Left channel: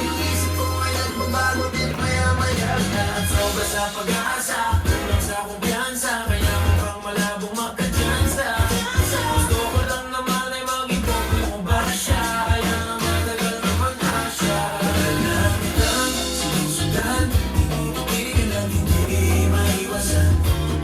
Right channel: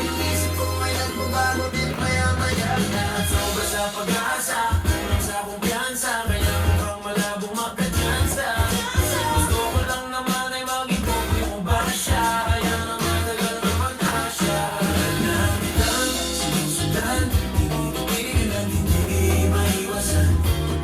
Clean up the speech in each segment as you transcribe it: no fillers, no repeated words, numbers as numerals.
yung isip ko ay nagbabago din maya-maya at sobra sa pag-asa, kulang sa kumpiyansa, kaya mukhang malabong magka-chance. Gusto ko lang naman ay maging kopi mo ba siya, kaya matagal naman na siya. Lagi lang sinusundan, tinutupin at hindi maiwasan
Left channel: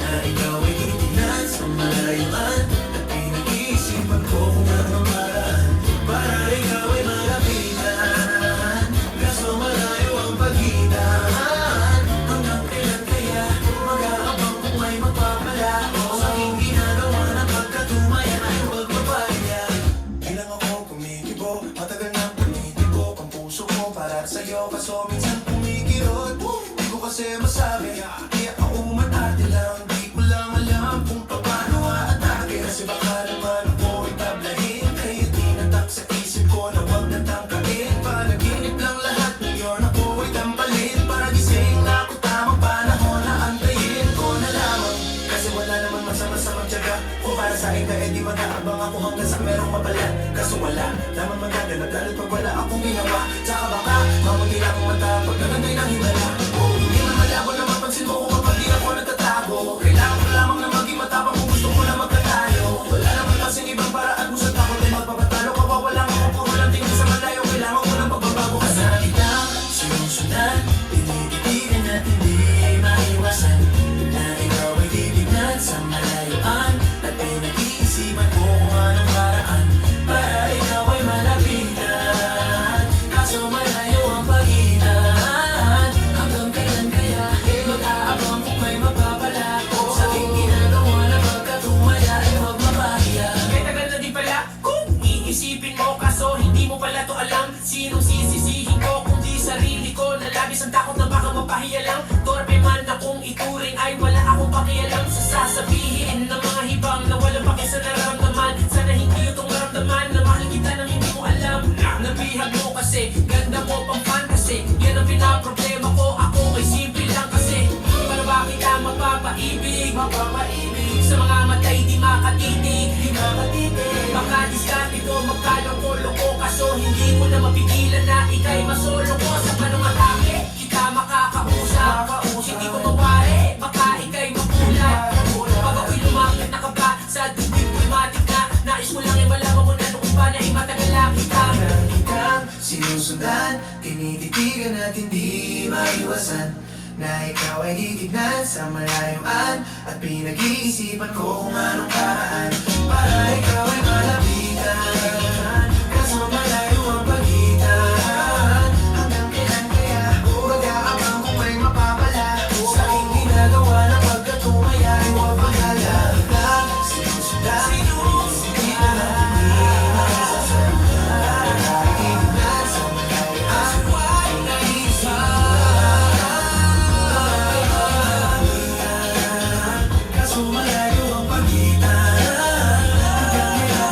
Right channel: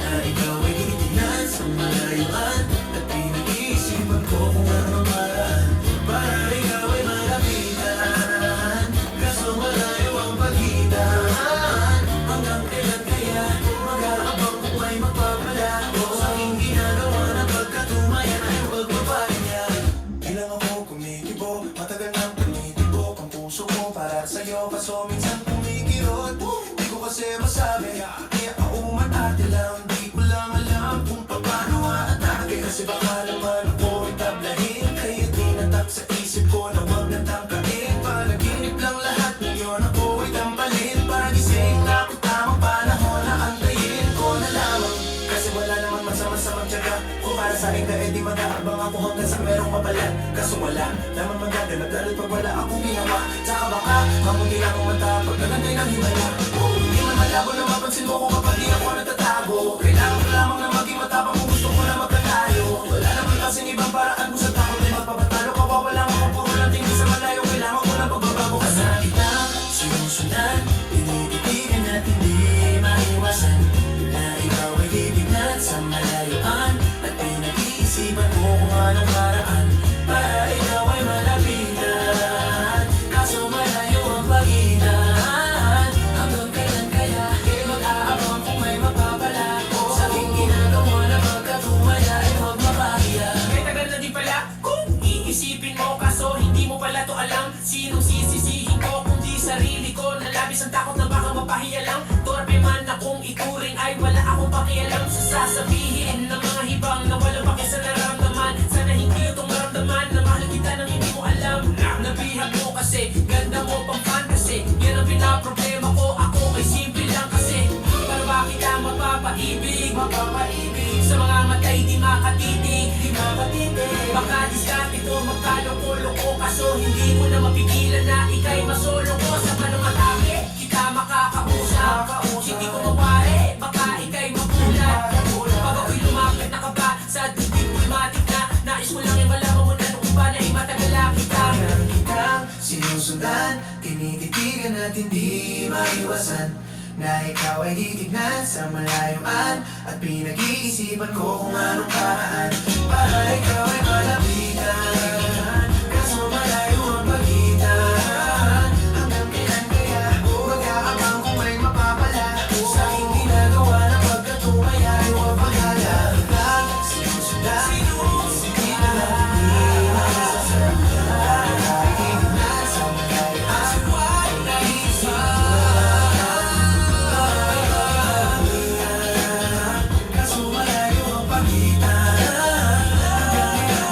na ikaw ay titignan sa malayuan at pinag-iisipan ko kung anong paraan para ikaw ay malapitan. Kaso malayo ang pagitan, hanggang kailan kaya mag-aabang kung may magpapalako sa aking ginagawa na pagkatumayan ay huwag mapahingan. Di lang ako kumikibo, matagal na panitin ko ang puso ko para sa'yo, kaso minsan kumikirot. Di ko kasi masabi, kaya ako umarte lang. Di ko lang alam kung paano aatake, kasi baka naman ako ay tablahin. Kaya tinatak sa isip ko na huwag natangkain. Panaginip lang lahat, ngayon ako ay tampalin. Pagising na ako tamang panahon na antayin ko na lamang. Kasi wala namang masama sa pagtyaga, kung para sa'kin ka edi mag-aabang ako hanggang sa merong mapalan. Kaso wala naman maganda, nagdalit pag wala akong ginawa. Tama ka, mamuti akong mata pag nalamay ng himala. Hindi man malabo na mapansin mo kung kapag di ako nagtatago. Kailangan ko lamang na maging matapang kung gusto ko na magkatayo. Wala naman kasing ibang paraan kung saan ako tayo magpapatalo. Kawawala ko ang pukulan, tingin sa malayo. Kailangan ko na magbabago ka sa Kita sinusundan, tinititigan at hindi maiwasan na ikaw ay titignan sa malayuan at pinag-iisipan ko kung anong paraan para ikaw ay malapitan. Kaso malayo ang pagitan, hanggang kailan kaya mag-aabang kung may mapapalako sa aking ginagawa na pagkatumaya ay magpapahiya. Kaya tagal na di pala kung iisipin mo, kaso hindi mo pala to alam. Sinong sisisihin ko kundi sarili ko, na labis ang takot na baka mapahiya lang. Torpe man na kung ituring ay wala akong pakialam sa sasabihin ng mga ibang na walang paki sa nararamdaman. Sana hindi itong maramdaman na mahal kita nang hindi mo alam. Nabihag mo kasi, ganda mo pang fan kasi, yan ang pinaproblema ko, ako ay simple lang kasi. Para ba kita mapapaibig sa mga matay di makatitig. Baka diskarte ko magkaloko-loko, kaso hindi mo na mapigilan na ika'y masolo ko. Sa manong atake, kita makakausap, hindi ko mawari, baka ika'y magulat. Pag ako'y lumapit na ka ba sa tubig pneumatic na, nais mo lang ibalaman ko na nung iba na imatagal lang kita. Kitang sinusundan, tinititigan at hindi maiwasan na ikaw ay titignan sa malayuan at pinag-iisipan ko kung anong paraan para ikaw ay malapitan. Kaso malayo ang pagitan, hanggang kailan kaya mag-aabang kung may mapapalako sa aking ginagawa na pagkatumaya ay huwag magalala. Sinusundan, tinititigan at hindi maiwasan na ikaw ay titignan sa malayuan at pinag-iisipan. Kaso malayo ang pagitan, hanggang kailan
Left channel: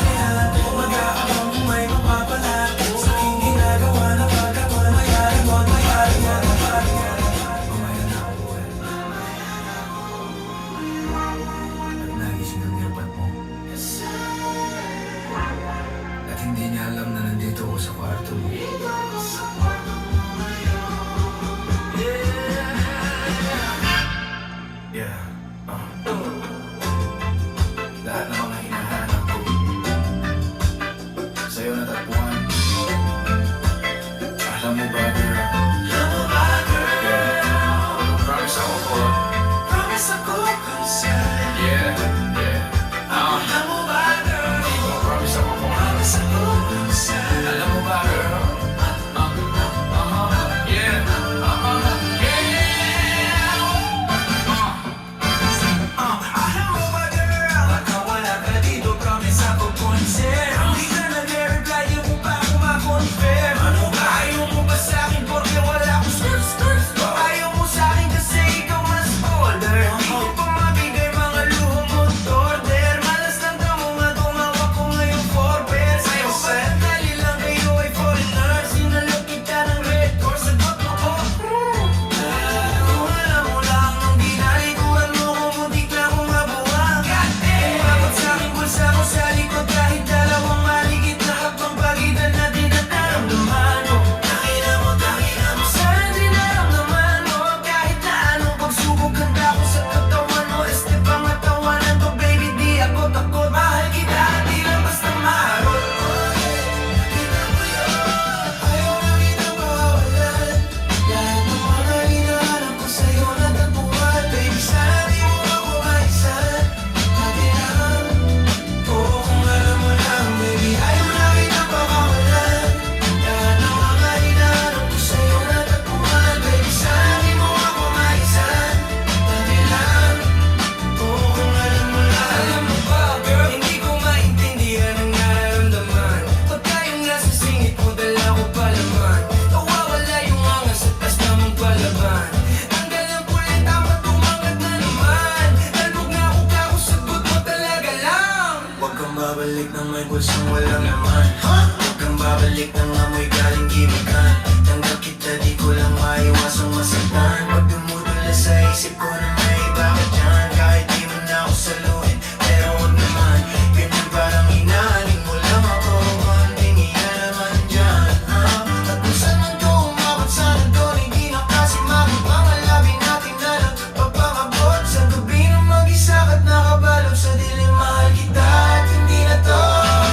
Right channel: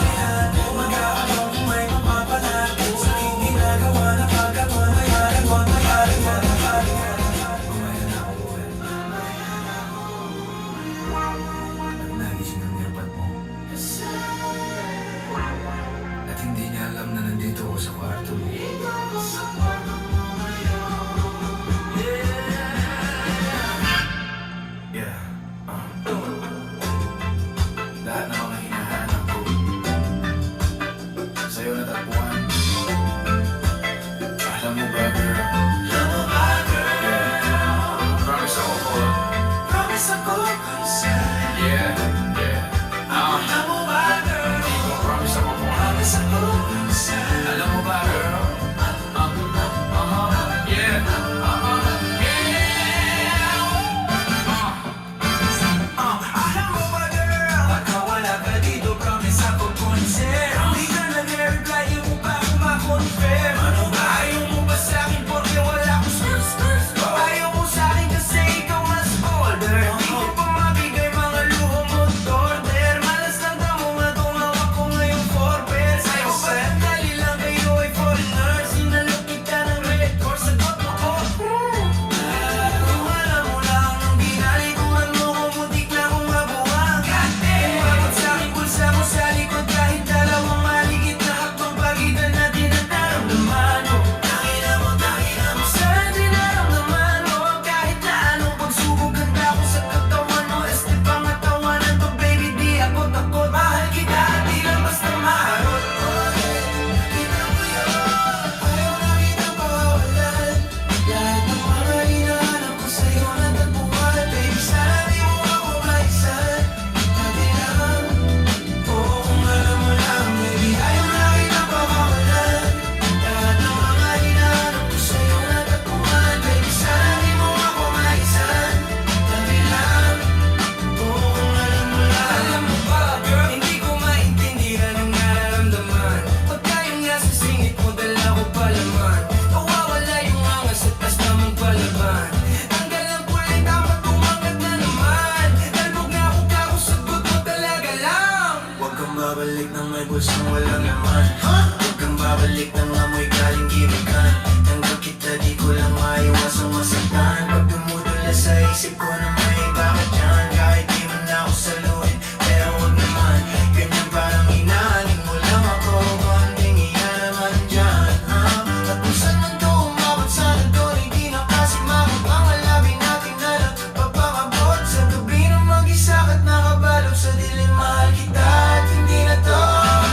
may bulsong walang laman. Huwag kang babalik ng amoy galing gimagan. Tanggap kita, di ko lang maiwasang masaktan. Pag dumudula sa isip ko na may iba ka dyan. Kahit di mo na ako saluhin, pero huwag naman. Ganyan parang hinahaling mo lang ako. Konting iyan naman dyan. At kung saan man to umabot, sana ko hindi na kasi mamot. Mga labi natin na nagpapakabot sa gabi ng mag-isa at nakabalot sa dilim. Mahal kita at hindi na to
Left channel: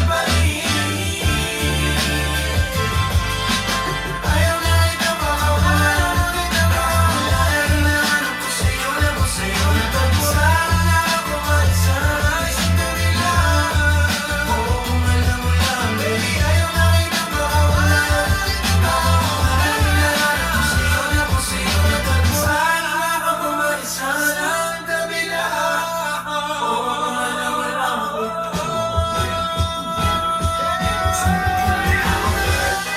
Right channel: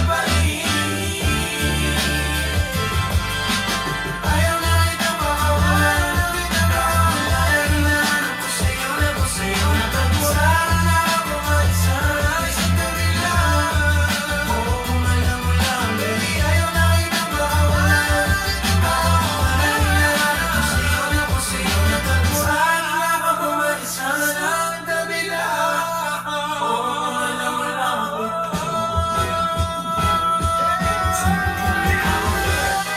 balik. Ayaw na kita makawalan, ayaw na kita makawalan. Hinahanap ko sa'yo na ko sa'yo na pagmurahan na ako mag-sunrise sa tabi lang. Oo, kung alam mo lang, baby, ayaw na kita makawalan. Hinahanap ko sa'yo na pagmurahan na ako mag-sunrise sa tabi lang.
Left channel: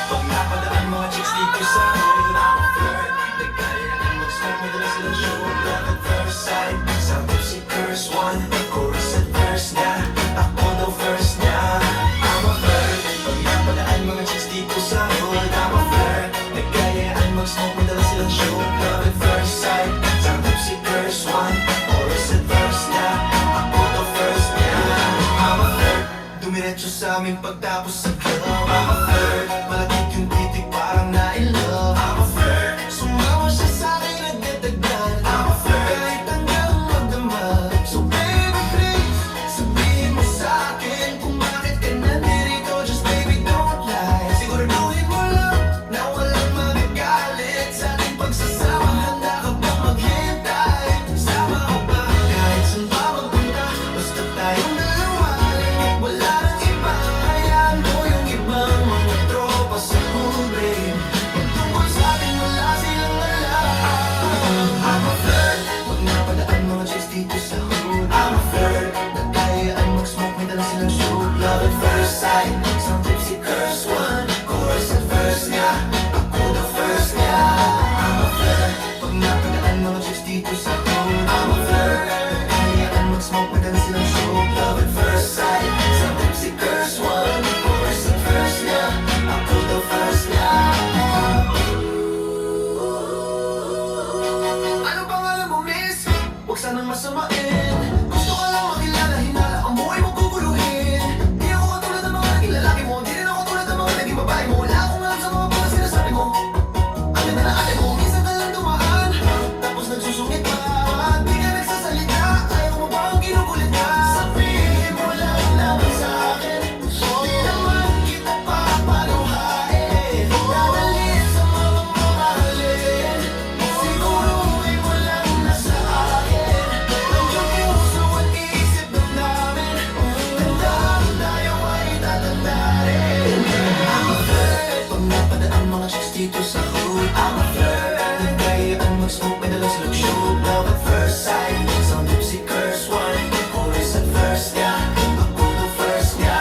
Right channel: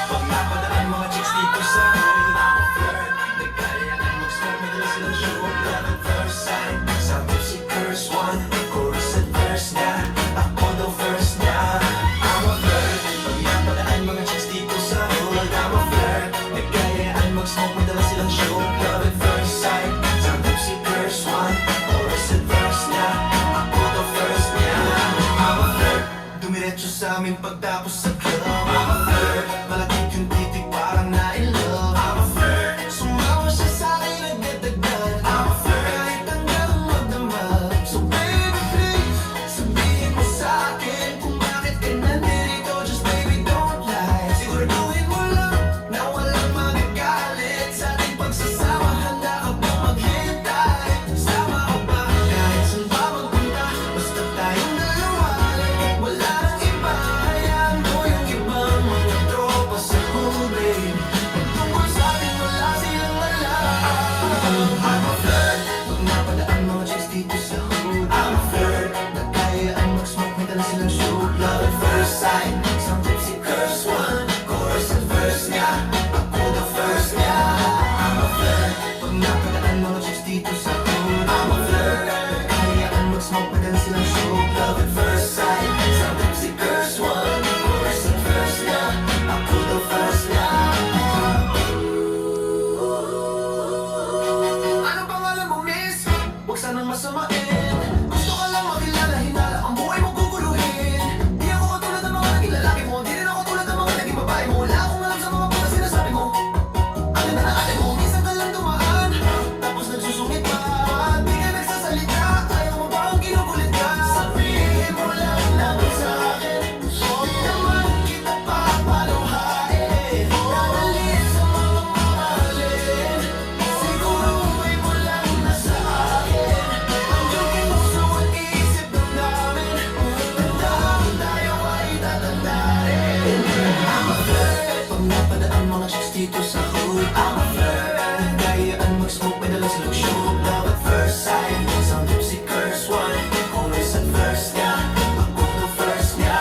Pag napadaan mga chicks dito sa akin, I'm a flirt. Nagkayaan mag-star, madalas lang show up lang at first sight. Sabi si verse 1, chorus at verse niya. Ako daw first niya. I'm a flirt. Pag napadaan mga chicks dito sa akin, I'm a flirt. Nagkayaan mag-star, madalas lang show up lang at first sight. Sabi si verse 1, chorus at verse niya. Ako daw first niya. I'm a flirt. Dumiretso sa amin pagtapos sa club. I'm a flirt. Malagit yung titig parang na-in-love. I'm a flirt. Sumawa siya sa akin at nagdagdag. I'm a flirt. Kahit hanggang magdamag. So baby please, sabihin mo sa akin kung bakit ka nandito. Just baby don't lie. Siguraduhin mo lang na walang magagalit. Sa ating pagsasama, handa ka bang maghintay? Sama ka ba? Kahit saan ba magpunta? Basta tayong dalawa lang. Wala nang iba. Hayaan mo yung ibang mga tropa sa ube. Pagtukoy sa atin, wala silang wala. I'm a flirt. Pag napadaan mga chicks dito sa hood, I'm a flirt. Nagkayaan mag-smoke, may dala silang shoot. Love at first sight. Some tipsy curse one, chorus at verse niya. Ako the first niya. I'm a flirt. Pag napadaan mga chicks dito sa hood, I'm a flirt. Nagkayaan mag-smoke, may dala silang shoot. Love at first sight. Some tipsy curse one, chorus at verse niya. Ako the first niya. Ano pangalan mo, miss? Huwag sanang masamain. Gusto ko lang makilala, hinala ang buhay mo guguluhin. Di ako katulad ng mga naging lalaki mo. Di rin ako tulad ng mga naging babae mo. Wala akong alam sa mga mga sinasabi ko. Ang ganda na ate mo, minsan ka lang dumaan. Tapos nagsusungit pa. Di ka nagsasalita. Ayaw mo ba ang kinukulit ka? Sabihin mo lang naman sa akin. Di naman kita papaluhain. Nadali sa mga mahalin. Siguruhin mo lang na sa akin. Nandiyan puso at isip ng namin. Tandaan tayo ay tatandain. I'm a flirt. Pag napadaan mga chicks dito sa hood, I'm a flirt. Nagkayaan mag-smoke, may dala silang shoot. Love at first sight. Some tipsy curse one, chorus at verse niya. Ako the first niya.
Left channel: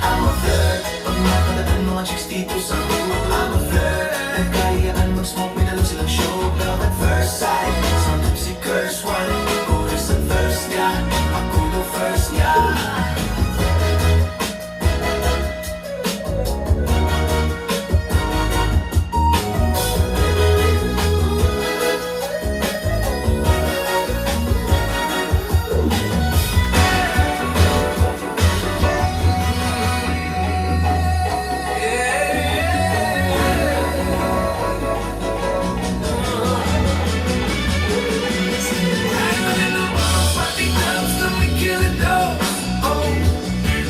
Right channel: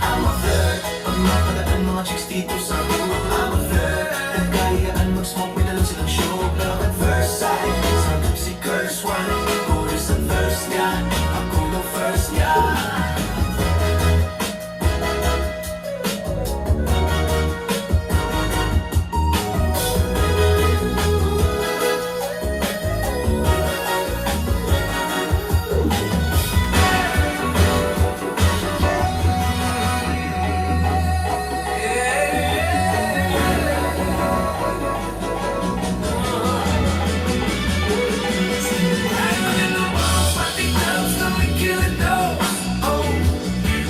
I'm a flirt. Pag napadaan mga chicks dito sa hood, I'm a flirt. Nagkayaan mag-smoke, may dala silang shoot. Love at first sight. Some tipsy curse one, chorus at verse niya. Ako the first niya.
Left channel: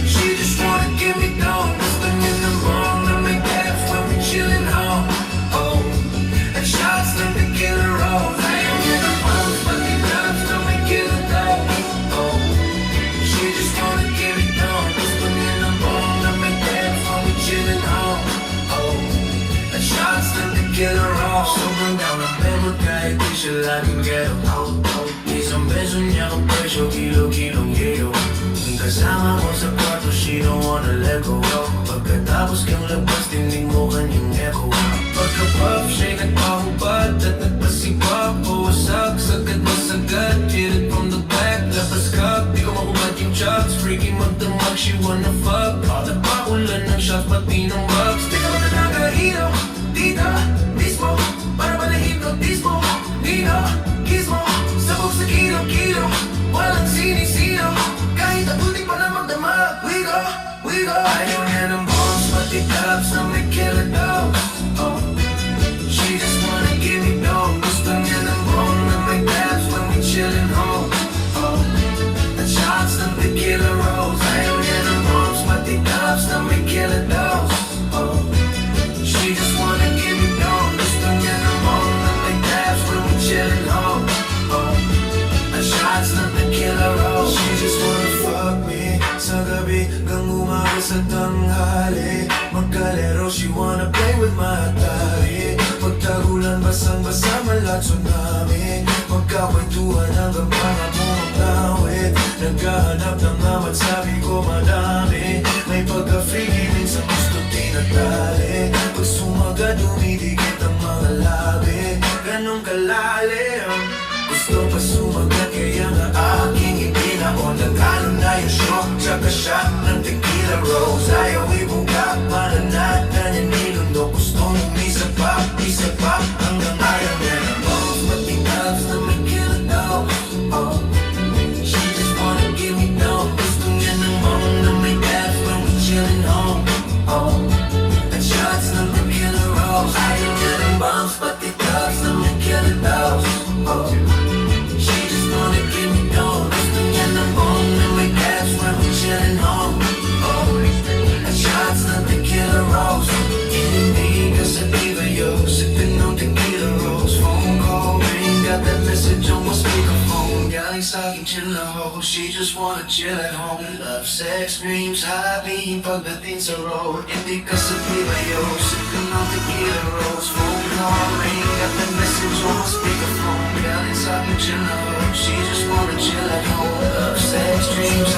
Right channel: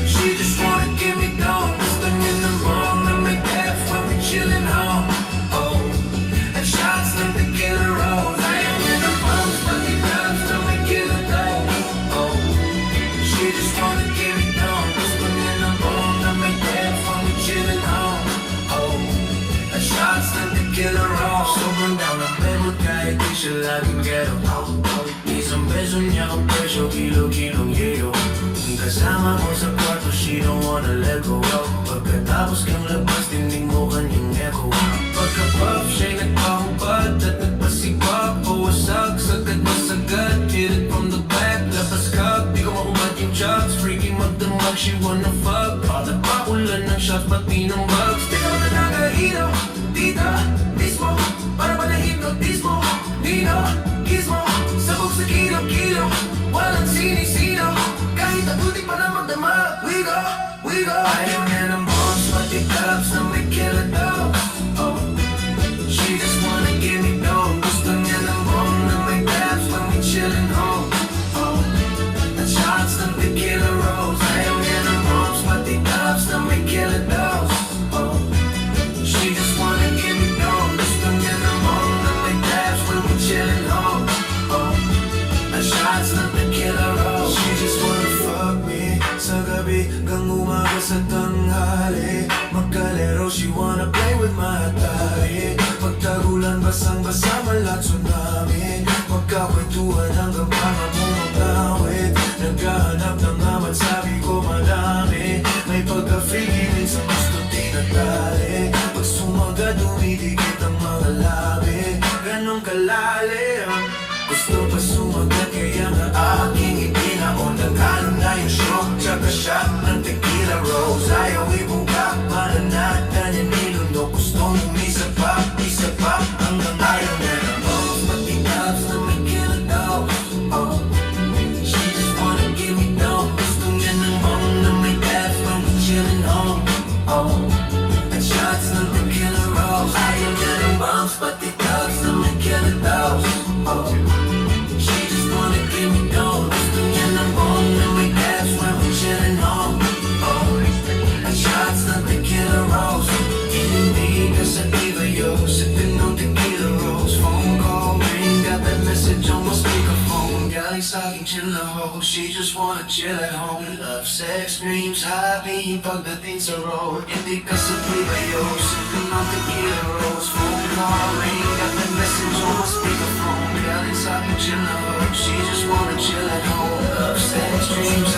She just wanna give me down, nothing in the wrong, and my dad for me chilling home. Oh, like shots, let me get it wrong. I ain't with the ones, but they love to make it alone. Oh, she just wanna give me down, nothing in the wrong, and my dad for me chilling home. Oh, like shots, let me get it wrong. Sobrang down ang member kahit di siya laging get out. Isang beso niya ang presyo, kilo-kilong geo. Kasama mo sa kwarto, she don't wanna let go of. Pagkatapos kang labas, tingin mo kanyang echo. Pagka-pop, siya'y nagpapabad at nagpasigpap. Puwasak, sagad na sagad, hit it from the back. Labas ka, di ko makulat yung shots. Freaky magdamag, she wanna fuck. pagka-freaking sa gusto tinatali Pag sumaga dumidikit ang mga labi Ganong kalalim Gusto pa sumagot kaya nga aking ipinaon Nagkalam na yung shock Tsaka shot ng tequila rose Ayaw ibungkak mananatan yan nilundok Gusto nung isa pa ang ayaw mo Pati tabs na may killer daw She just wanna give me down Gusto niya ng home na may tabs when we chillin' home At shots ng tequila rose Ayaw niya ng bombs Pati tabs na may killer daw She just wanna give me down Gusto niya ng home na may tabs when we chillin' home At shots ng tequila rose Hindi ka sa diva yo Sipin ng tequila rose Phone call ring Got that message on my speakerphone Galing sa'king chill na ako She just wanna chill at home And love sex dreams Sabihin pagdating sa road Hindi ka sa diva yo Sipin ng tequila rose Phone call ring Got that message on my speakerphone Galing sa'king chill na ako She just wanna chill at home And love sex dreams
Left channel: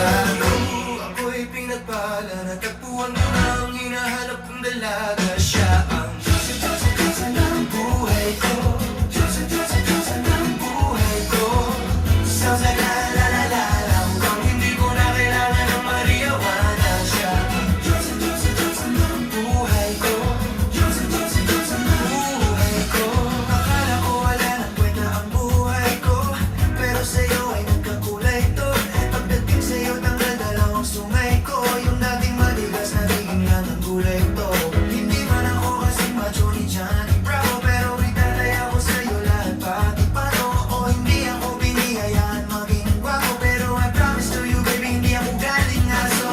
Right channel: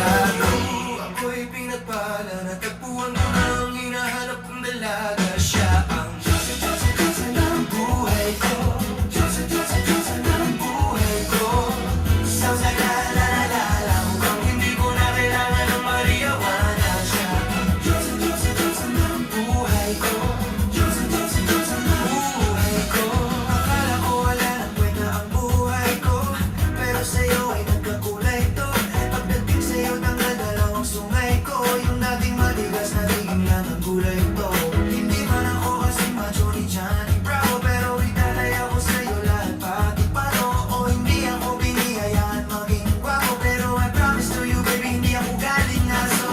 Ako'y pinagpala Natagpuan mo na ang hinahanap kong dalaga Siya ang Diyos ng buhay ko Diyos ng buhay ko Sa la kung hindi mo na kailangan ng mariyawanan Siya ang Diyos ng buhay ko Diyos ng buhay ko Akala ko wala nang kwenta ang buhay ko Pero sa'yo ay nagkakulay to Pagdating sa'yo tangal dalawang sungay ko Yung dating maligas na tingin lang ang gulay to Hindi mo na ako kasing macho ni Johnny Bravo Pero itanay ako sa'yo lahat pati paano ako hindi ako binihayaan maging guwapo Pero I promise to you baby hindi ako galing na so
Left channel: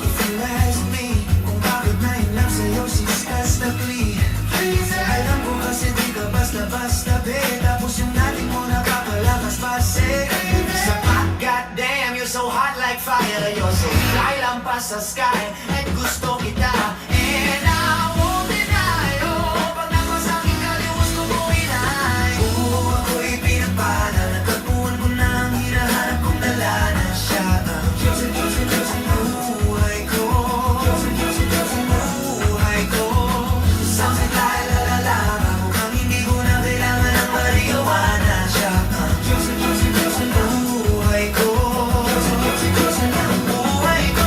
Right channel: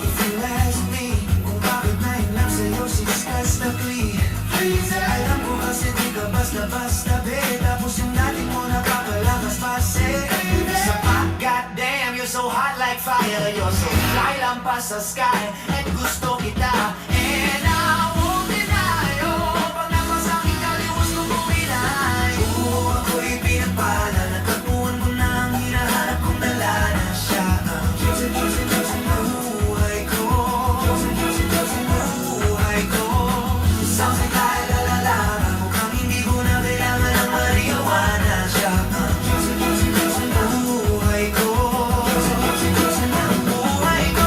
if you ask me kung bakit ngayon lang sa'yo siskas na clean Please alam mo kasi di ka basta-basta babe Tapos yung dati mo nakakalakas pa say Sa pa, goddamn you're so hot like fire You're so fly lang pa sa sky Like gusto kita And I won't deny Pag naman sa'king kaliwas kung ko inaay Ako'y pinapala Nagkapuan mo na ang hinahanap kong dalaga Siya ang Diyos ng buhay ko Diyos ng buhay ko Sa kailalala Mukhang hindi mo na kailangan ng mariyawanan Siya ang Diyos ng buhay ko Diyos ng buhay ko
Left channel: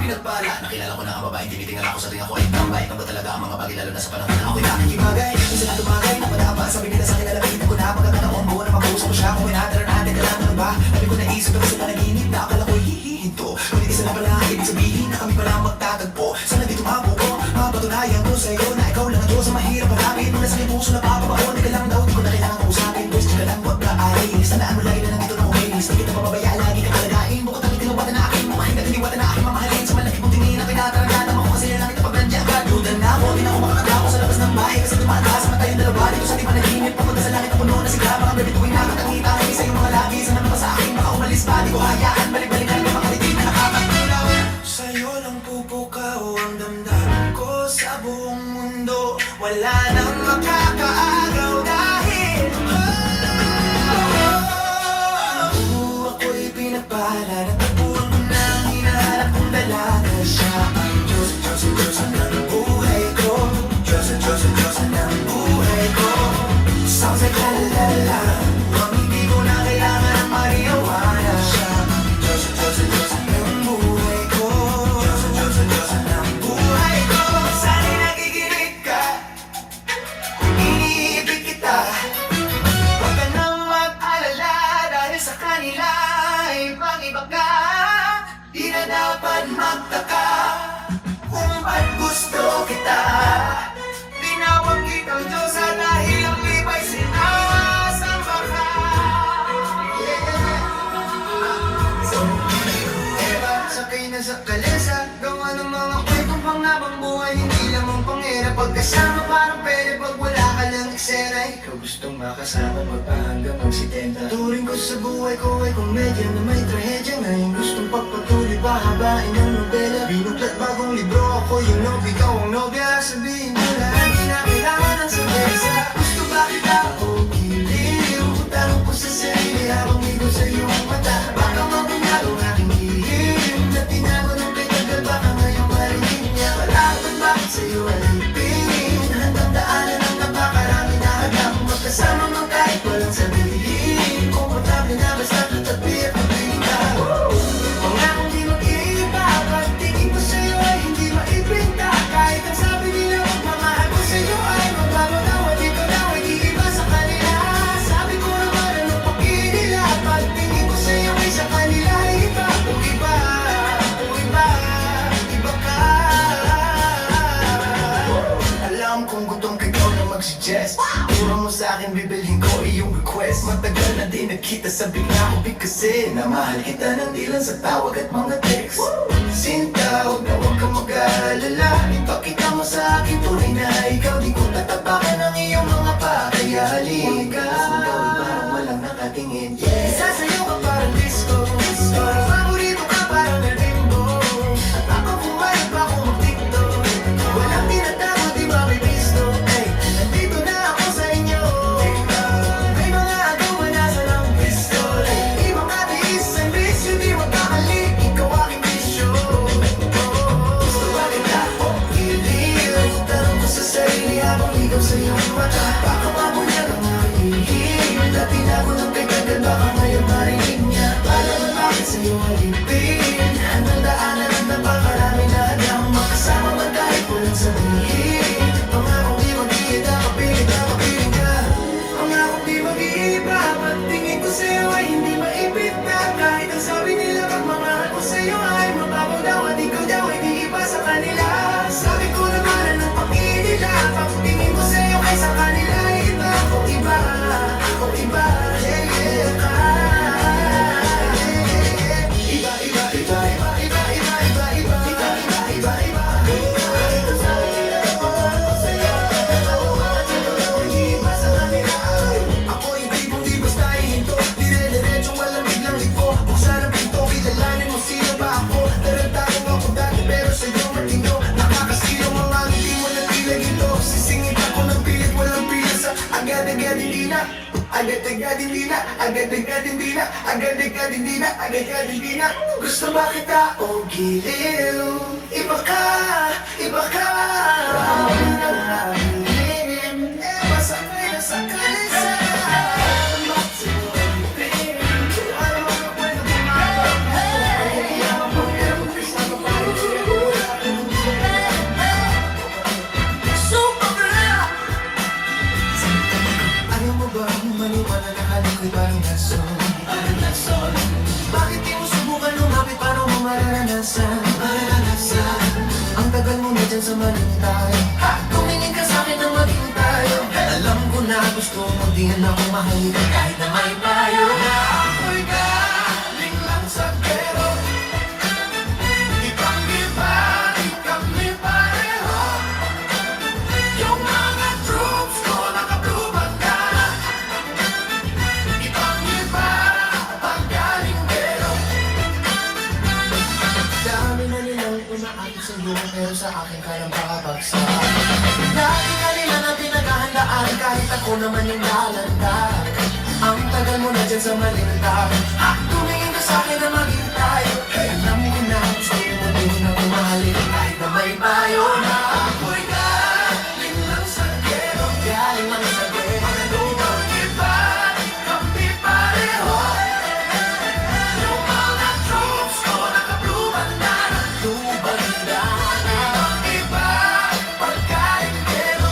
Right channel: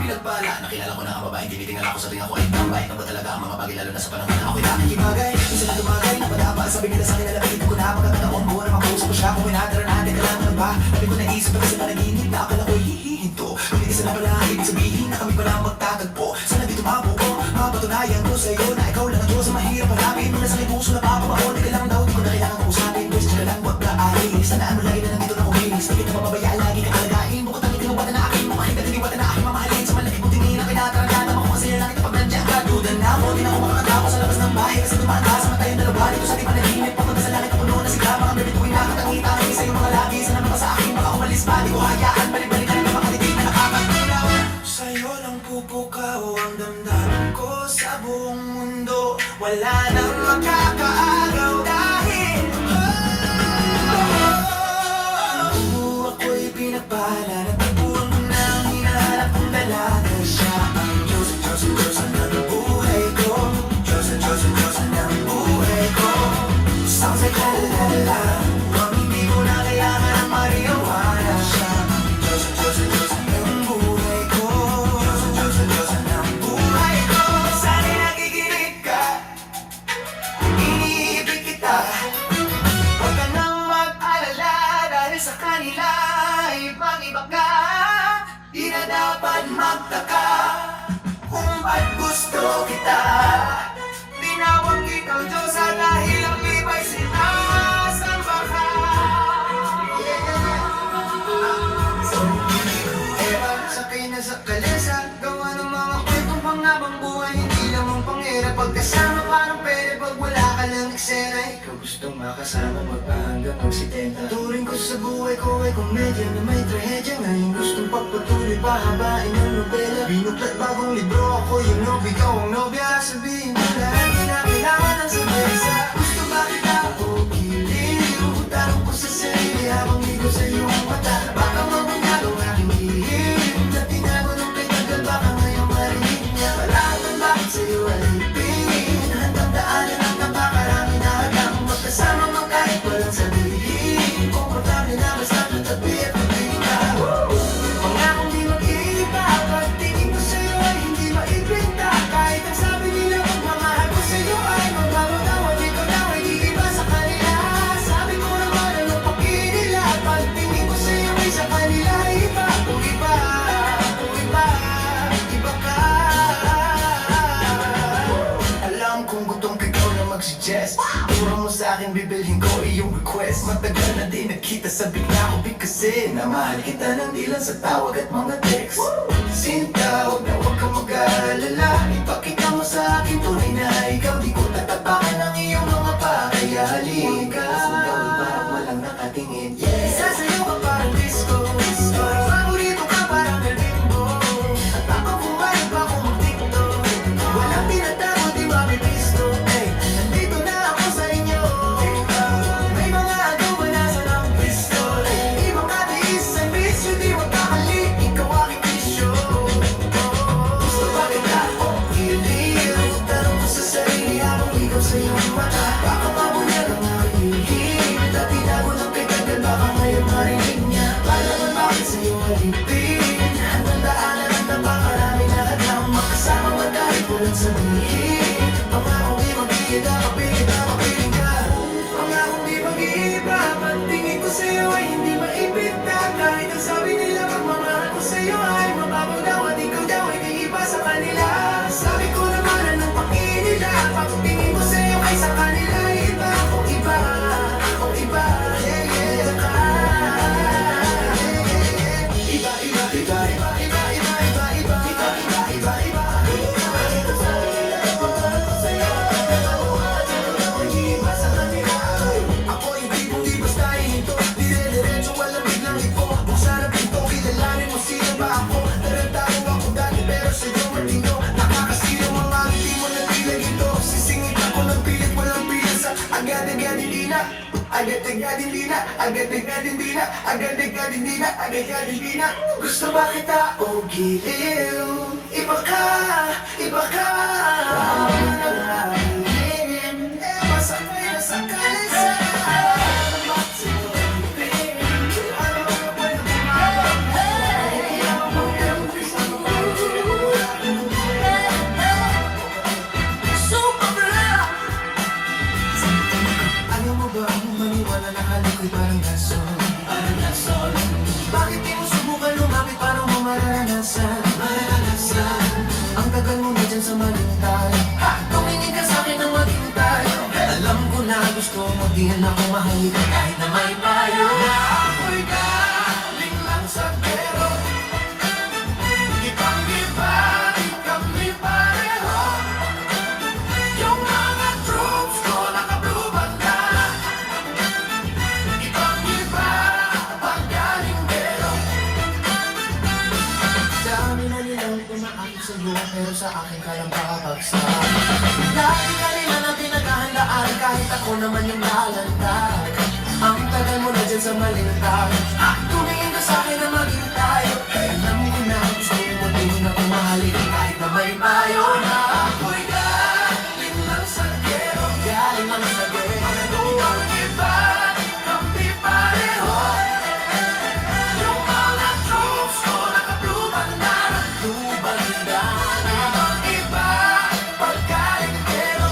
Pinagpala, nakilala ko na ang babaeng tinitingnan ako sa rin ako ay tambay Nang ba talaga ang mga bagay lalo na sa panahon na ako'y nakikibagay Kung sila tumagay na matapang Sabi nila sa akin na lapitin ko na pagkakataon Buo na makausap ko siya kung inatara natin kailangan ba Sabi ko naisip ako sila naginip na akala ko'y hihinto Ngunit isa na pala ibig sabihin na kami pala magtatagpo Sana di tumabo ko Mapatunayan ko sa'yo na ikaw lang ang Diyos Ang mahirap malapit mo na sa aking puso na papamaon Di ka lang daw, di ko na kailangan usapin Gusto ka lang, wag ka alis Sana ano lang na nandito na umilis Hindi na mababaya lagi ka kalagain Mo ko talagang tinawatan na aking mga hindi katiniwatan na aking mamahalin Sa malaki kong tingin na kinatalagaan ako Masaya lang ito paglandya Kadudan na ako, hindi na ako makakatapo sa labas ng bahay Kasi tumataas ang tayong dalawa Dito sa di panaginip Pagod na sa langit ang puno na sigaw Mga bibituin na nakakita Hindi sa'yo malagi Sana naman sa akin Baka umalis pa, di ko hayaan Balik-balik na rin na makatitin Nakakabay na lawin Sa'yo lang pupukaw ang damdamin ko sa buong mundo Wala nang makakaagaw dahil ako'y pinagpala Natapuan mo na ang hinahanap kong dalaga Siya ang Diyos ng buhay ko Diyos ng buhay ko Sa kailalala Huwag hindi mo na kailangan ng mariyawanan Siya ang Diyos ng buhay ko Diyos ng buhay ko Sana'y nakikinig ka Iniibig kita Huwag ka nang mag-alala Dahil sa kanila ay pag-iba ka Di na dapat magtaka Kung ba't gusto kita Tinawag kita Diyos dahil ang iba'y sinasamba ka Sakay na sa kalesa Gawa ng mga kwentong pangabang buhay Hindi lang ang pangyayari Pagkasama parang pwede Pag wala ka ng eksena Ikaw gustong makasama Magpahanggang magsitenta Turing ko sa buhay ko ay komedya Na may trahedya Ngayon gustong pagpatuloy Pahabain ang nobela Binuklat bagong libro Ako yung ikaw ang nobya Sabihin mo na Hindi na kailangan ng sigyesa Gusto ba kita o piliin Tanong ko sa sarili Habang di ko sa'yo ang mata Baka mamunalo aking hihim Na tinago ng pinagal Baka sa'yo alipin. Handang daanan ang napakarami na hagam magkasama mang kahit walang sabihin. Komportable na basta tutabi at magpiling ka. Pangakong di magkita, pagtingin ko sa'yo ay hindi maipinta. Kahit ang sabi nila ang mga ako sa'yo ay mabago daw at ikaw daw ay iiba sa kanila. Sabi ko naman ang nagpakilila, pagtingin ko sa'yo ay sa kanila ay iba. Iba, iba, iba ka. Alam kong gutom ka ikaw na mag-suggest. Puro mo sa akin bibilhin ko iyong request. Matagal na din nagkita sa bigla ko kasi na mahal kita nang di lang sa tawag at mga text. Sinta, huwag na huwag kang mag-aalala. Ipakita mo sa akin tunay na ikaw. Di ko tatapakan ang iyong mga pakayanin. Sinta, parang walang nakatingin. Sasayaw ka parang disco. Paborito ka parang galimbo. At ako kumain pa ako ang TikTok. Walang tinatago di mabibisto. Nandito na ako sa inyo. May mga agaw na sa ng pistol. Ibang katiis sa bisyo di mapakali. Ikaw aking bisyo. Gusto ba kita o hindi? Tanong ko sa sarili habang ikaw sa iyong mata. Baka pabunyag ang nahihim. Dati na ako ng pagkagal baka ngayon marinig niya. Paano man bakit sa iyong alipin? Anong daanan ang napakarami na agam makasama man kahit walang sabihin. Pangakong di magkita, kapilit na kapilit ka. Pangakong di mag-iiba, pagtingin ko sa'yo ay hindi maipita. Kahit ang sabi nila ang mga ako sa'yo ay mababaw daw at ikaw daw ay di iba sa kanila. Sabi ko naman anong pakinila, pagtingin ko sa'yo ay sa kanila ay iba. Ako iba, ako iba, hey, hey, iba, iba, iba, iba, iba, iba, iba, iba, iba, iba, iba, iba. Ito sa kanila, ako sa'yo, ako hindi iba sa kanila. Ako hindi kung di basta ito. Dire-diretso malamig lang ito. Buksan ang pinto, kilalanin mo sino ba ako. Narantahin ako dati pero sa'yo matino. Nakakasilaw mga hindi mo nabilang ito. Sisingit ako ng pilit, walang pilasa. Agad-agad hindi na. Agad-agad hindi na. Agad-agad hindi na. Agad-agad hindi na. Agad-agad hindi na. Gusto ba kita o giliw? Iba ka, iba ka. Masakay na sa kalesa. Ayaw mo ba maniwala na alam ko'y maranasan? Bakit di mo subukan lumapit para kung maranasan? Ang tagal mo na dyan sa malintay. Tumingin ka sa'kin nang maging tayo. Alam ko na gusto mo di lang ako mahirap kahit na may payo. Ako'y galing lang sa pero ibang iba, di kami pareho. Yung mga troops ko naka-blue bandana. Ibang iba, paggaling pero dami na nilang umaakit sa buwan pero sa akin kaya makabagsak. Dami na nila na pinaghahandaan kahit ako naman yung lalanda. Ang tagal mo na dyan sa malintay. Tumingin ka sa'kin na maghintay. Alam mo na gusto mo din ang umahalin kahit na may payo. Ako'y galing lang sa gero. Galing lang sa gero. Ang iba, kami pareho. Yung mga troops ko naka-blue bandana. Blue bandana. Ang iba, pagkain pero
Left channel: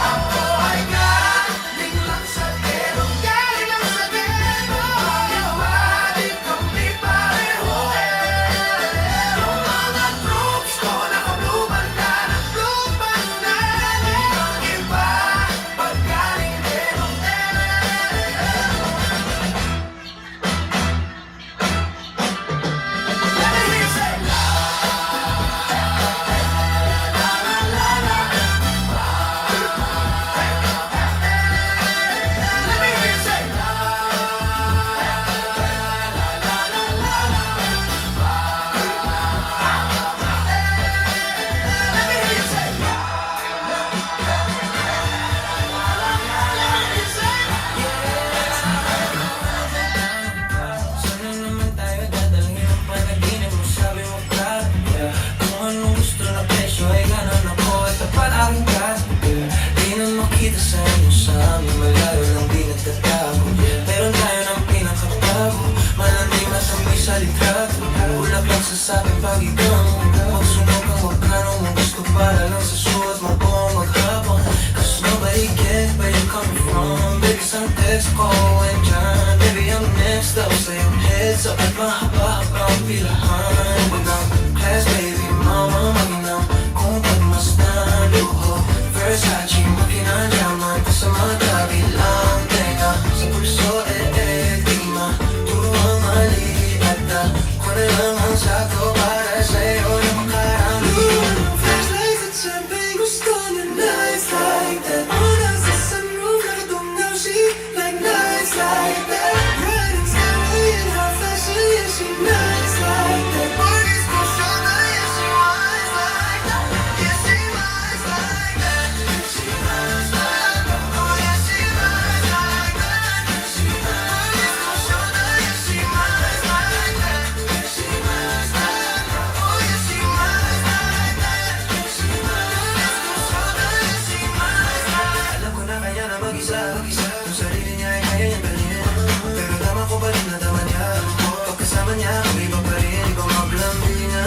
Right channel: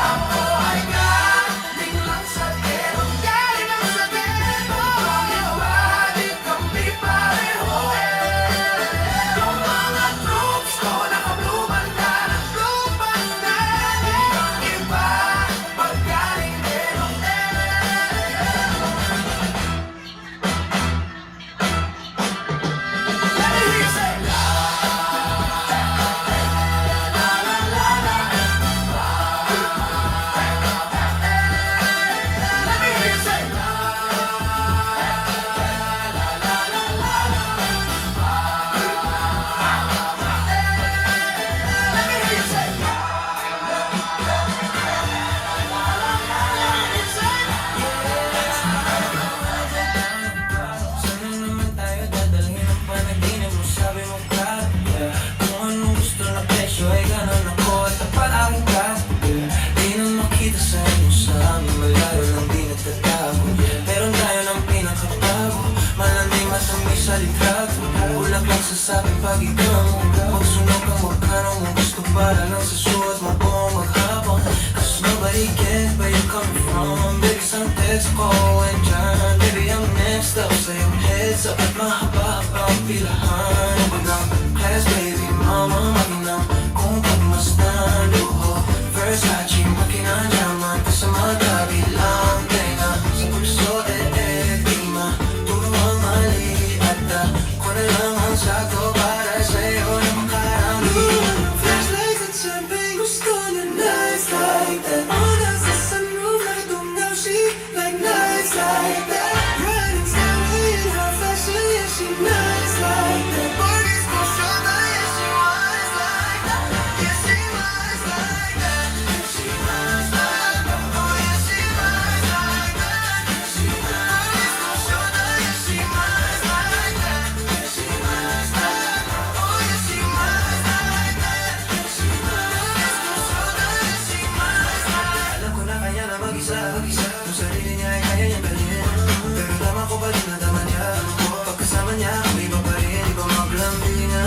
ako ay galing lang sa gero. Galing lang sa gero. Yung iba, di kami pareho. Yung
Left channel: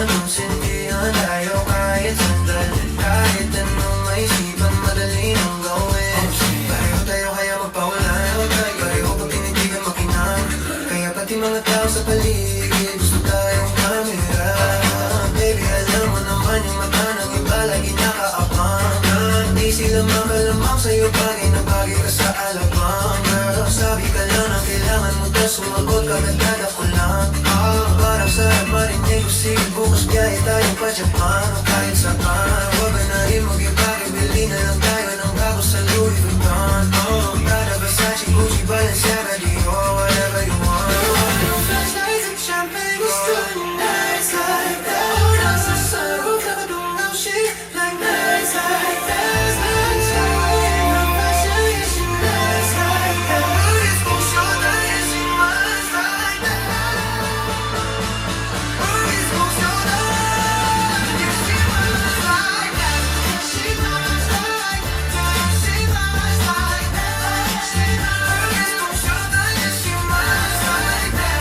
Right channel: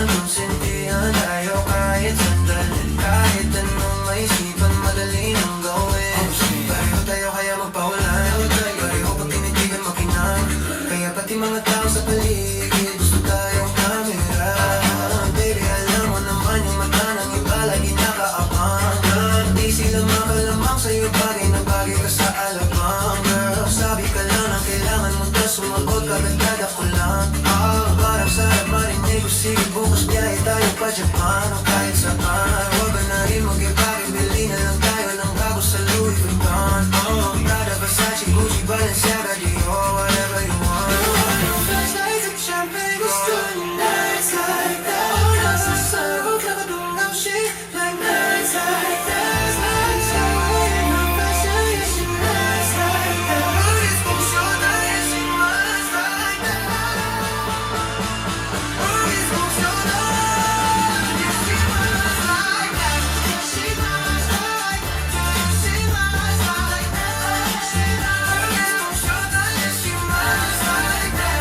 naman sintihan tayo kahit sandali. Kahit anong may isipan, madali nang gawin. Pareho tayo kaya magpawalan. Pareho pag tinitigan makinang. Kaya pati mga tao sa paligid gusto tayong kamera. Baby, alam mo naman yung mata ng iba lagi nakaabang. Di sila makalamang sa'yo, bagay na bagay ka sa alabang. Girl, sabi ka lang ang kailangan mo, tas sumagot ka, nagdada ko lang. Parang saan marinig ko, sige bukas biyahe tayo pa Japan o kahit saan. Wag ka na rin mag-ibakit, bili na lang tayo ng bago sa Louis Vuitton. Prada, Versace, Gucci, Balenciaga, Dior, whatever you want. Flashlights at champagne, gusto yung nights like that. Nasa sunroof, nakadulaw shake like nights like that. Nights like my passion, yes, she nights like that. It's emotional, yes, she nights like that. It's emotional, yes, she nights like that. She nights like that. She nights like that. She nights emotional, yes, she nights like that.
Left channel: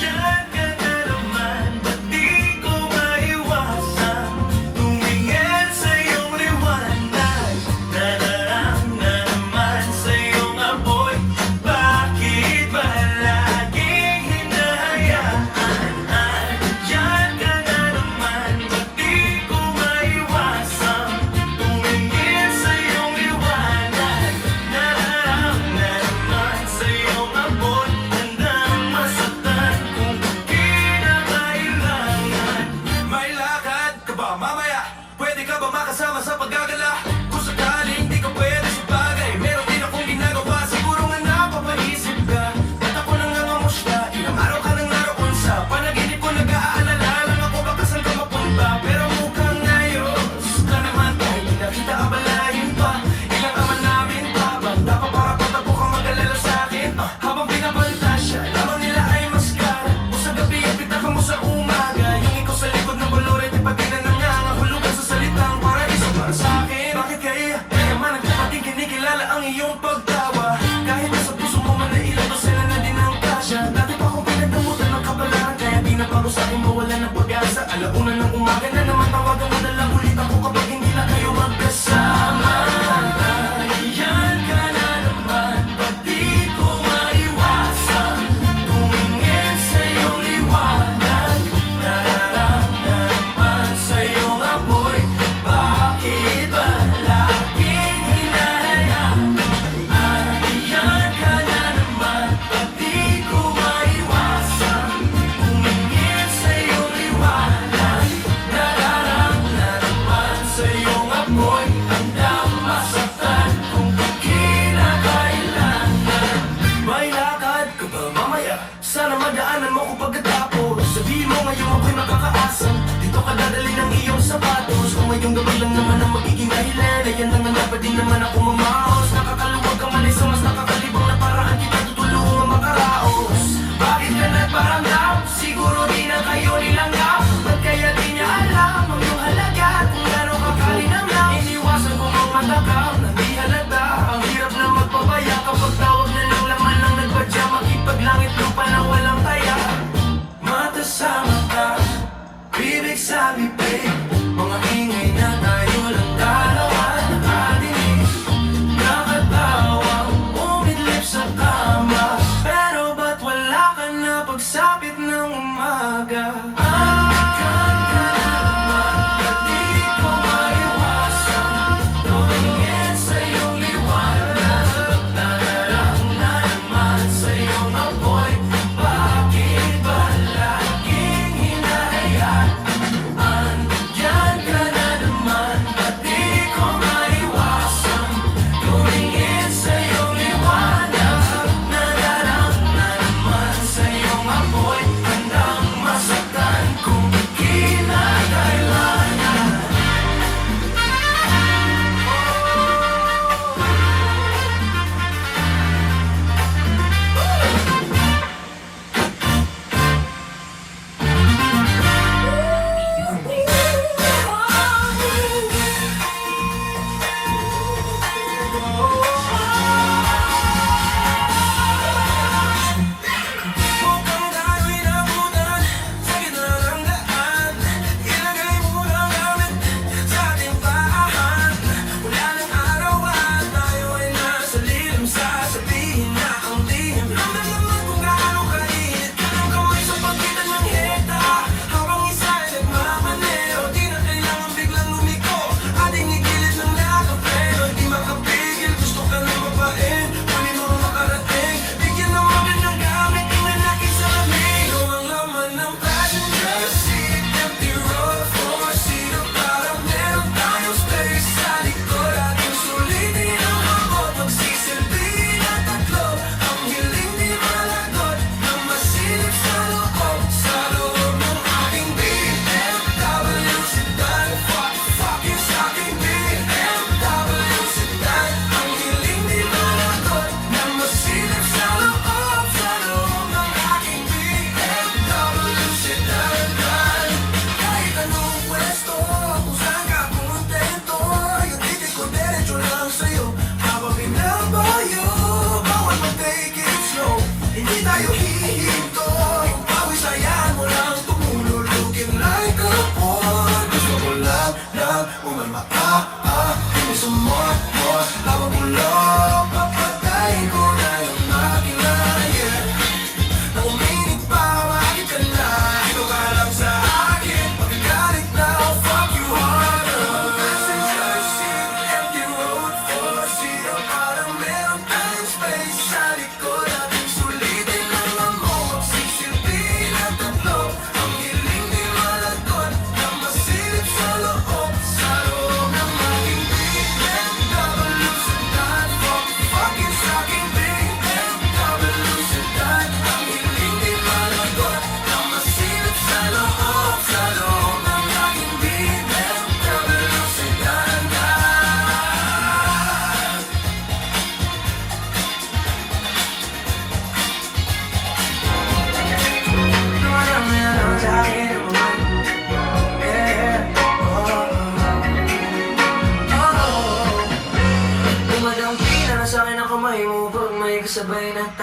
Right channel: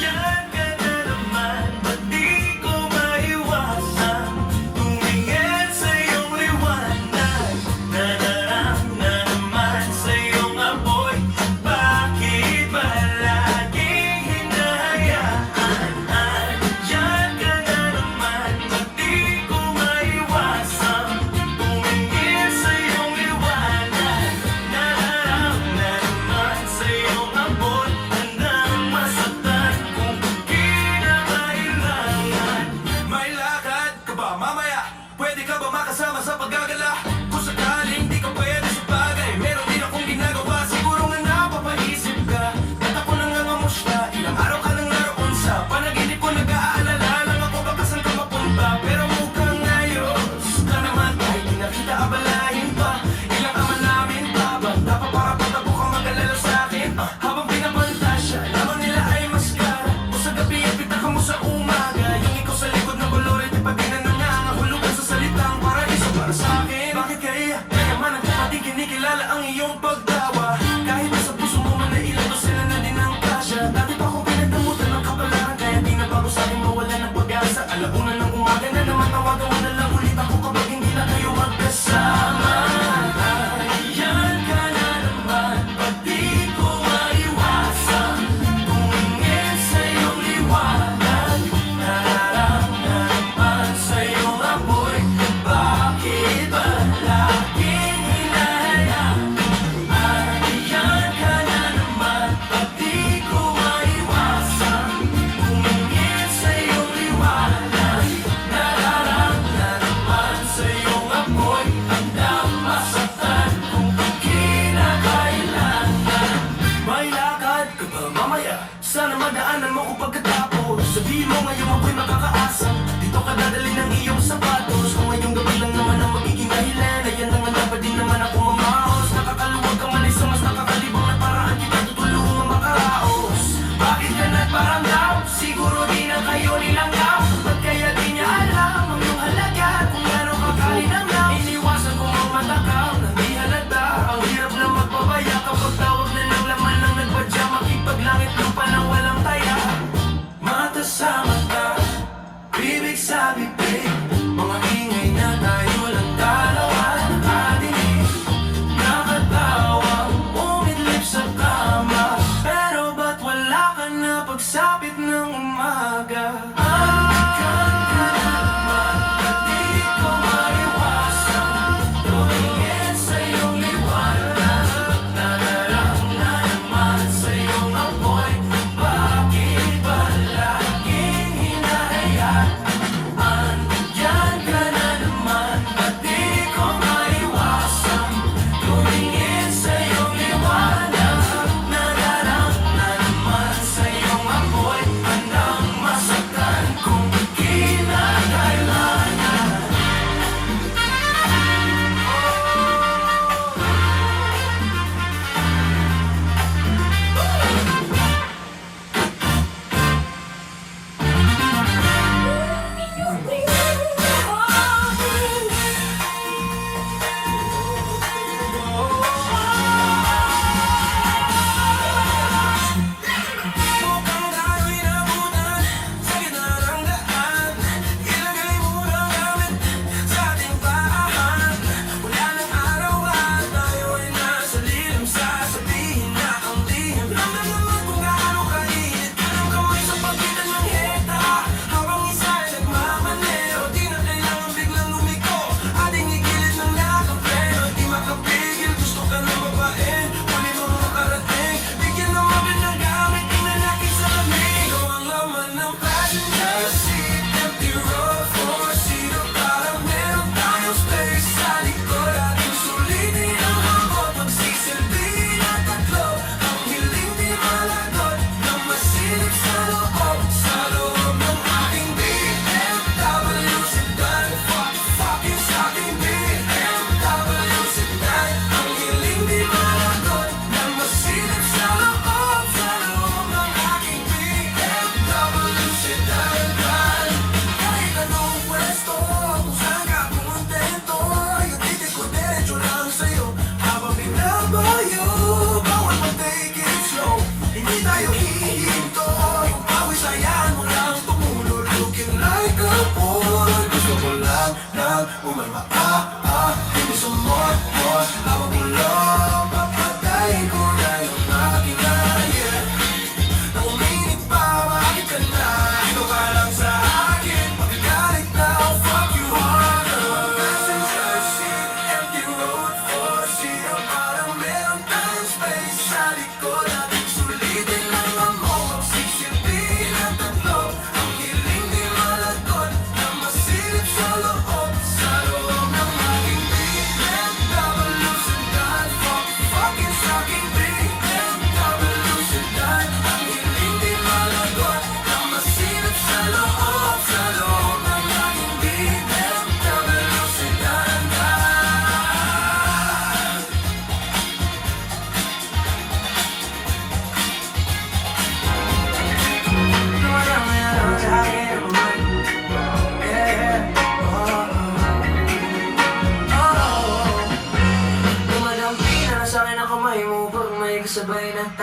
Diyan ka na naman, ba't di ko maiwasan tumingin sa iyong liwanag. Nadarang naman sa iyong amoy, bakit ba laging hinahayaan? Diyan ka na naman, ba't di ko maiwasan tumingin sa iyong liwanag. Nadarang naman sa iyong amoy, handang masaktan kung kinakailangan. May lakad ka ba mamaya? Pwede ka ba makasama sa paggagala? Kung sakaling di ka pwede sa bagay, meron din akong ginagawa. Siguro na napapaisip ka, ba't ako nangangamusta? Ilang araw ka nang naroon sa panaginip ko, nag-aalala lang ako baka saan ka mapunta. Pero mukhang ngayon, Diyos ka naman tayo, pinakita abalahin pa. Ilang ama namin pa, dapat para patago ka mag-alala sa akin. Habang pinapanta siya, labang nila ay maskara. O sa gabi, ipitaka mo sa umaga. Yung ikaw sa likod ng bulurit, pati na nangangahulugan sa salitang paraiso para sa akin. Bakit kaya? Kaya man nagpapating kinikilala ang iyong pagtawa. Kahit nasa puso mo man ay ilan ba sila na din ang kasya. Dati pa akong pinagdamutan ng kapalaran, kaya di na bago sa akin mawala ng pag-asa. Alauna ng umaga na naman, tawagan mo na lang ulit ako kapag hindi na kayo magkasama. Yan ka na naman, ba't di ko maiwasan tumingin sa iyong liwanag. Nadarang naman sa iyong amoy, bakit ba laging hinahayaan? Yan ka na naman, ba't di ko maiwasan tumingin sa iyong liwanag. Nadarang naman sa iyong amoy, handang masaktan kung kinakailangan. May lakad ka ba mamaya? Sana madaanan mo ko pagkatapos. Sabihin mo ngayon ako'y makakaasa. Dito ka dadali ng iyong sapatos. Kung may yung gabi lang naman ang magiging dahilan, ayan naman na pa din naman ako mamaos. Nakakaluwag ka man ay sa mas nakakalibang na paraan, kita tutulungan makaraos. Bakit ka nagparamdam? Siguro di na kayo linanggap. Ba't kaya di niya alam ang iyong halaga? Kung gano'n ka kalinanggap, iniwasan ko ang matakam na di halata. Ang hirap na magpapaya kapag tawag na ng laman lang nagpadya. Makipaglangit ka pa na walang taya. Mata sa mata, bibig sa bibig, mga ingay na tayo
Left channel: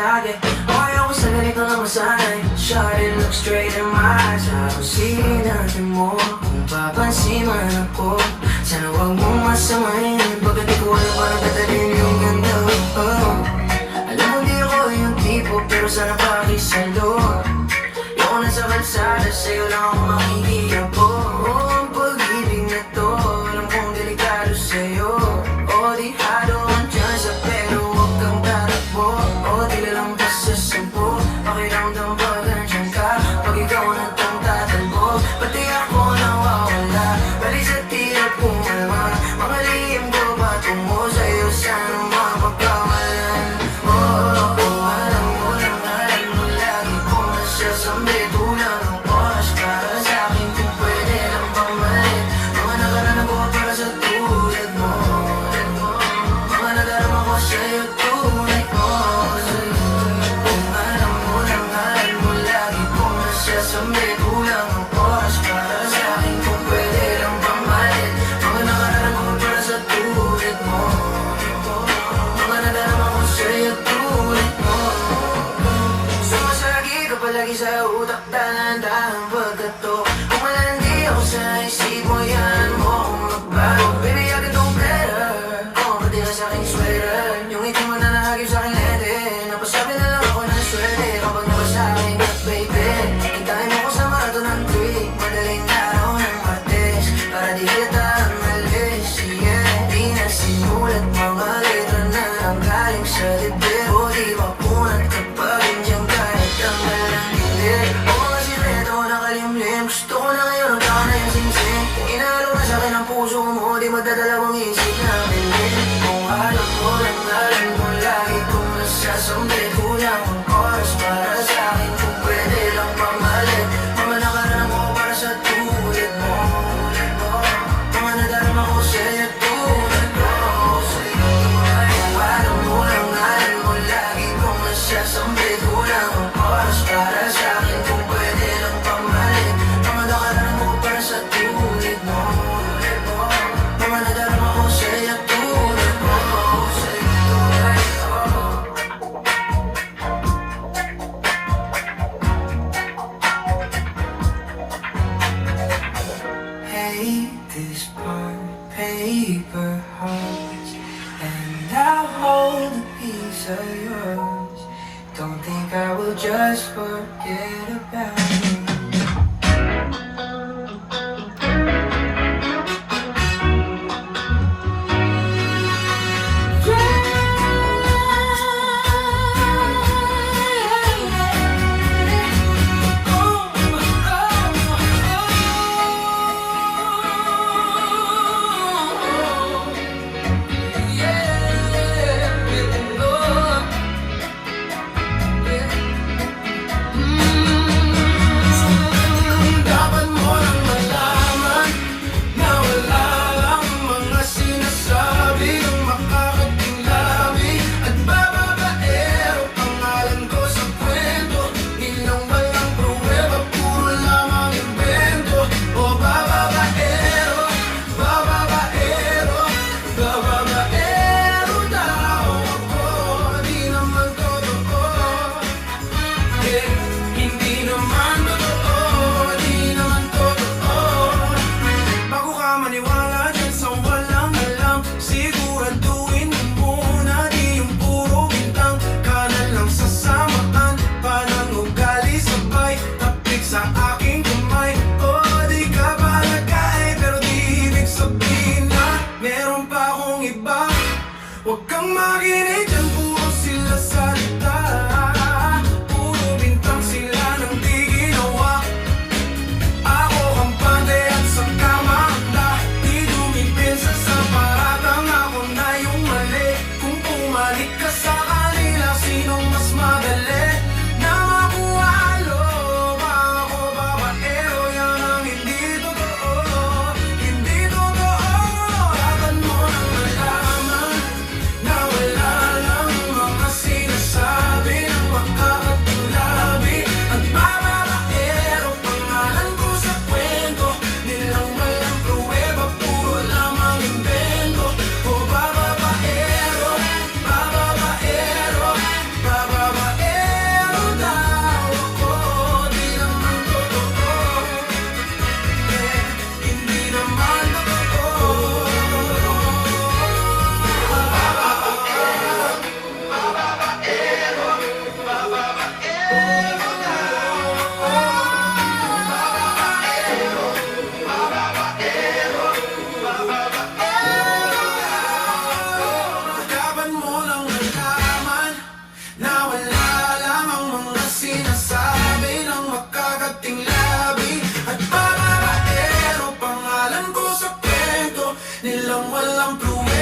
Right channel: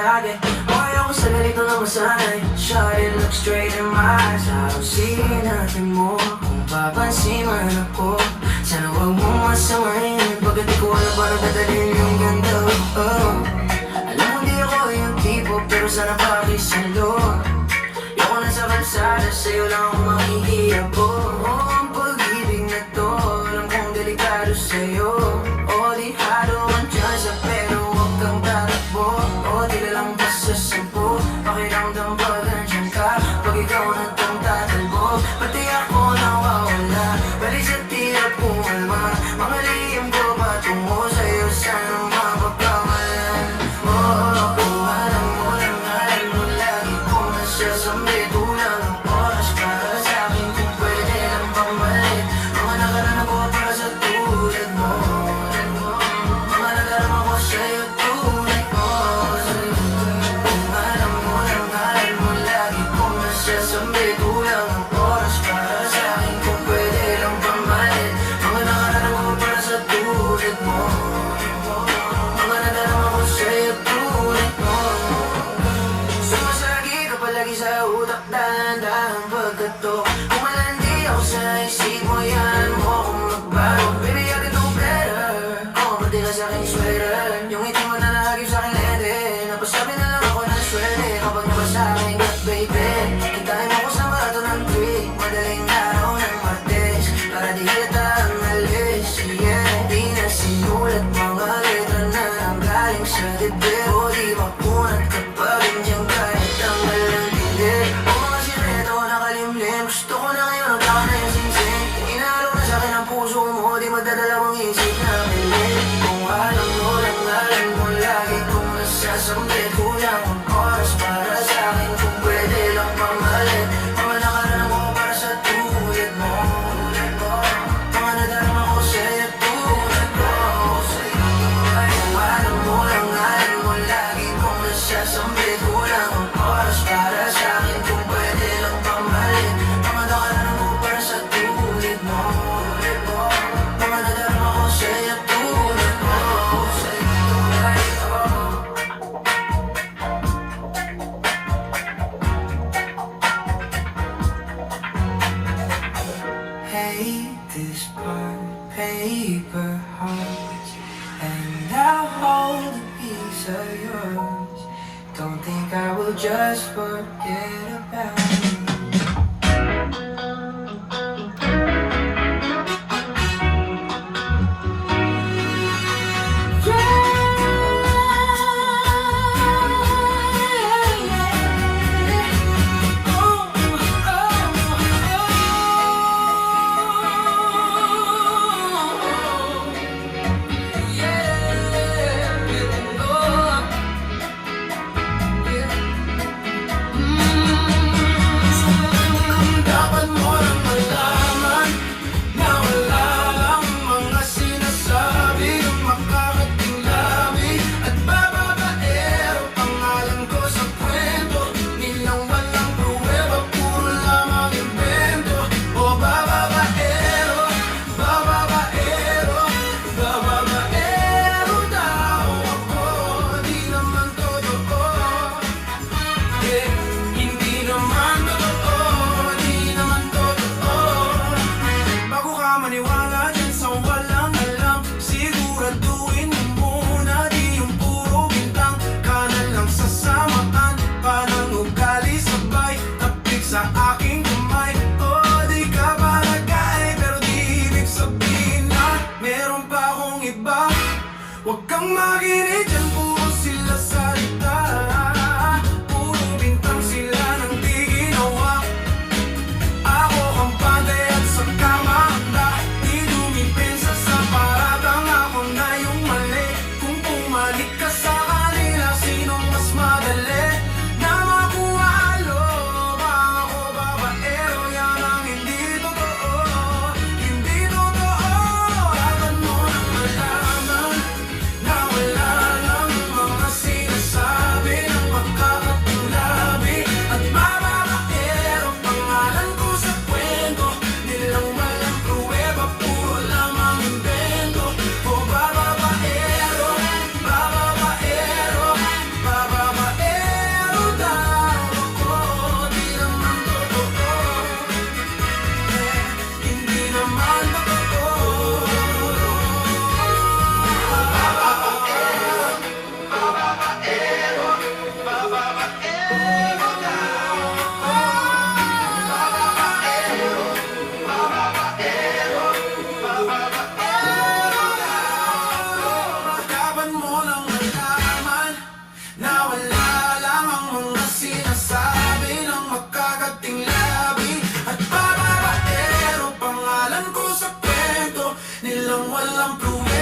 lagi. Okay ako sa ganito na masanay. Shawty, look straight in my eyes. Sige natin mo kung papansin man ako. Sana huwag mong masamayin. Pagkat di ko alam pa nagdadalhin yung ganda. Alam mo di ako yung tipo, pero sana bakit sa'yo. Ako na sa kalsada, sa'yo lang ako makikita po. Ang pag-ibig na to, alam kong delikado sa'yo. Di hado ang tsansa, pero huwag kang tatakbo. Di lalang ka sa sampo, pakiramdam pa nandiyan ka. Pag ikaw nagtangtatal mo, pati ako nawawala. Balik sa tira kung naman, mga lihim ko patungo sa'yo. Sana mapapamalan mo. Alam mo lagi kung nasasambi. Kulang ang oras para sa'kin kung pwede lang pamalit. Mga nakarama ko para sa tulad mo. Mga nadarama ko sa'yo tulad mo. Kung alam mo lagi kung nasasambi. Kulang ang oras para sa'kin kung pwede lang pamalit. Mga nakarama ko para sa tulad mo. Mga nadarama ko sa'yo tulad mo. Sumasagi ka palagi sa utak, dahan-dahan pagkato. Kung malandi ako sa isip mo, yan mo akong magbago. Baby, I can do better. Kung pati ka sa'king sweater, yung ngiti mo na nahagip sa'king lete. Napasabi na lang ako ng swerte kapag napasabi ka, baby. Hintahin mo ko sa marathon ng creek, madaling araw ng Martes, para di kita umalis. Yeah, di na sinulat mga letra na ang galing sa dibdib. O di ba punat kapag nandiyan ka, nagtanggal ang dilim. O sireto nakalimlim, gusto ko na ngayon ang taka na yung singsing. Inalo na sa'kin ang puso mo, di magdadalawang isip na bilis. Kung alam mo lagi kung nasasambi. Kulang ang oras para sa'kin kung pwede lang mamalit. Mga nakarama ko para sa tulad mo. Mga nadarama ko sa'yo tulad mo. Kung alam mo lagi kung nasasambi. Kulang ang oras para sa'kin kung pwede lang pamalit. Mga nakarama ko para sa tulad mo. Mga nadarama ko sa'yo tulad mo. Hate this part, paper hearts, and I'll hold a piece of yours. Don't think I will just forget about you. Dapat mo lang malaman na wala lang mga sinasabi ng makakating labi. At bababaero, pangalan ko sa kwento. Bilang walang pruweba, puro lamang invento. O bababaero, bababaero, bababaero, tao ako, di naman totoo. Hindi naman totoo, di naman totoo. Bago ka maniwala dyan sa walang alam, siguraduhin mo muna di yung puro bintang. Kanan lang sa samatan, panunugali sabay, tapik sa aking kamay. O di ka palagay, pero di ibig sabihin na meron pa akong iba. Huwag kang makinig dyan, puro sila salita. Puro bintang sila nang di ginawa. Ako ang panday at saan ka mahanda. Di dumipinsa sa paratang, ako na yung mali. Kung pumalik ka sa kanila, sinong mas madali na mabuhalo? Ako babaero, yan ang hindi totoo. Hindi totoo. Dapat mo nang malaman na wala lang walang pruweba